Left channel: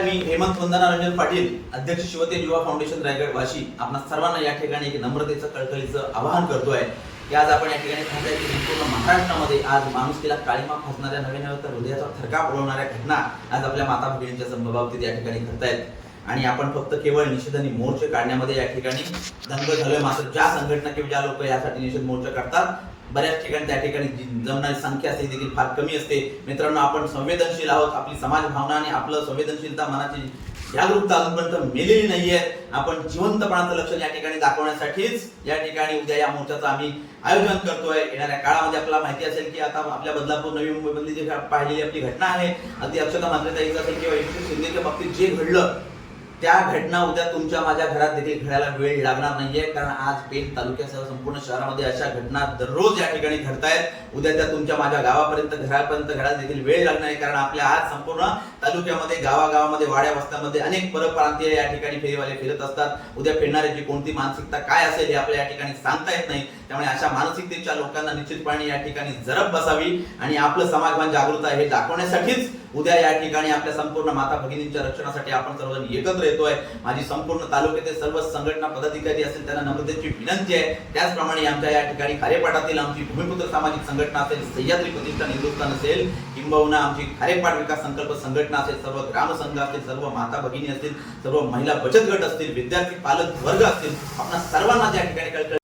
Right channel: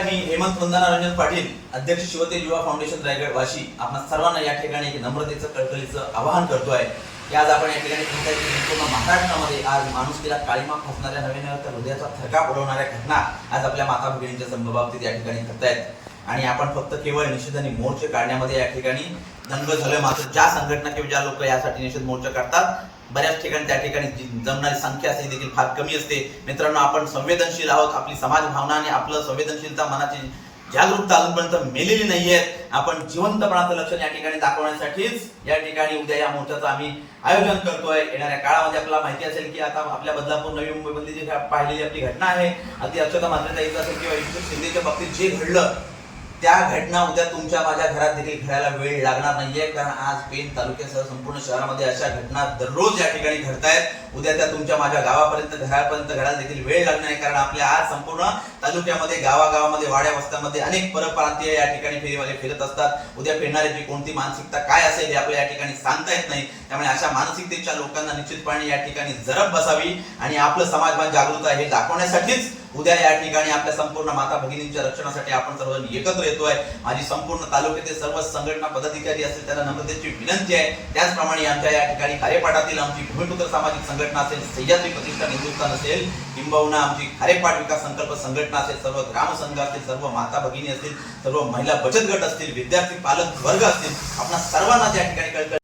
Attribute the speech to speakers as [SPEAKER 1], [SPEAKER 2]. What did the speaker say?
[SPEAKER 1] मी हेमंत वंदना रंजन पाटील अध्यक्ष शिवते युवा फाउंडेशन रायगड वाशी आपण सर्वांना या ठिकाणी एक नम्रतेचं कळकळीचं आवाहन करतोय. की आज आपण या ठिकाणी पाहताय की संपूर्ण महाराष्ट्रामध्ये आज माणुसकीला काळीमा फसणाऱ्या नवीन तर हृदयाचा थरका उडवणाऱ्या घटना आज आपल्या माता भगिनींच्या संभवाबाबतीत या ठिकाणी घडतायत आणि आपण फक्त केवळ निषेध आणि मोर्चे काढण्यामध्ये या ठिकाणी दंग झालोय. मात्र ज्या संघटना किंवा ज्या लोक यासाठी निषेध मोर्चा काढतात बऱ्याच ठिकाणी त्या ठिकाणी जमणारी संख्या असते देखील फार कमी असते. मित्रांनो आपण संवेदनशील आहोत. आपली समाज भावना आणि आपलं संवेदनशीलता मनाची जागरूकता अजूनपर्यंत मेलेली नाहीये. आपण जिवंतपणाचं लक्षण या ठिकाणी दाखवण्यासाठीच या ठिकाणी उद्या या मोर्चाचं आम्ही आयोजन करतोय. येणाऱ्या काळामध्ये आपल्याला माहिती असेल की आता आपल्या बदलापूर नवी मुंबईमधली जी पाहिलेली आपली घटना आहे अगदी अक्षता मात्र असेल किंवा एकनाथ शिंदेच्या बाबतीत जे घडलं त्या घटना उद्या तुमच्या माझ्या घरात देखील घडायला वेळ लागणार नाहीये कारण आज पेन तालुक्यासह संपूर्ण शहरामध्ये अशा घटना दररोज या ठिकाणी घडतायत. उद्या त्या तुमच्या माझ्या गावापर्यंत घरापर्यंत घडायला देखील वेळ लागणार आहे कारण आपल्या आज संपूर्ण तालुक्यामध्ये गावागावामध्ये वाड्या वस्त्यामध्ये अनेक परप्रांतीय या ठिकाणी फेरीवाले फिरत असतात. उद्या फिरणाऱ्याची कोणती मानसिकता काय असेल हे आपल्या या ठिकाणी सांगता येत नाही. त्यामुळे अशा मानसिकतेच्या लोकांना निश्चितपणे या ठिकाणी जरब बसावी आणि आपलं समाजमान जागृत आहे हे दाखवण्यासाठीच उद्या या ठिकाणी आपल्या संपूर्ण माता भगिनींच्या रक्षणासाठी आपण सर्वजण एकत्र येतोय. माझी संपूर्ण तालुक्यातील सर्व संघटना पदाधिकारी असतील त्यांना नम्रतेची विनंती आहे. त्याचप्रमाणे आमच्या या ठिकाणी कार्यपाठातील आमची भूमिपुत्र सामाजिक संघटना असेल सह्याद्री प्रतिष्ठान हिंदुस्थान असेल किंबहुना आमची खारेपाट विकास संकल्प संघटना असेल सर्व ग्रामसंघ असतील सर्व माता भगिनी असतील सर्व महिला बचत गट असतील विद्यार्थी पालक वर्ग असतील आपण सर्वांना त्या ठिकाणी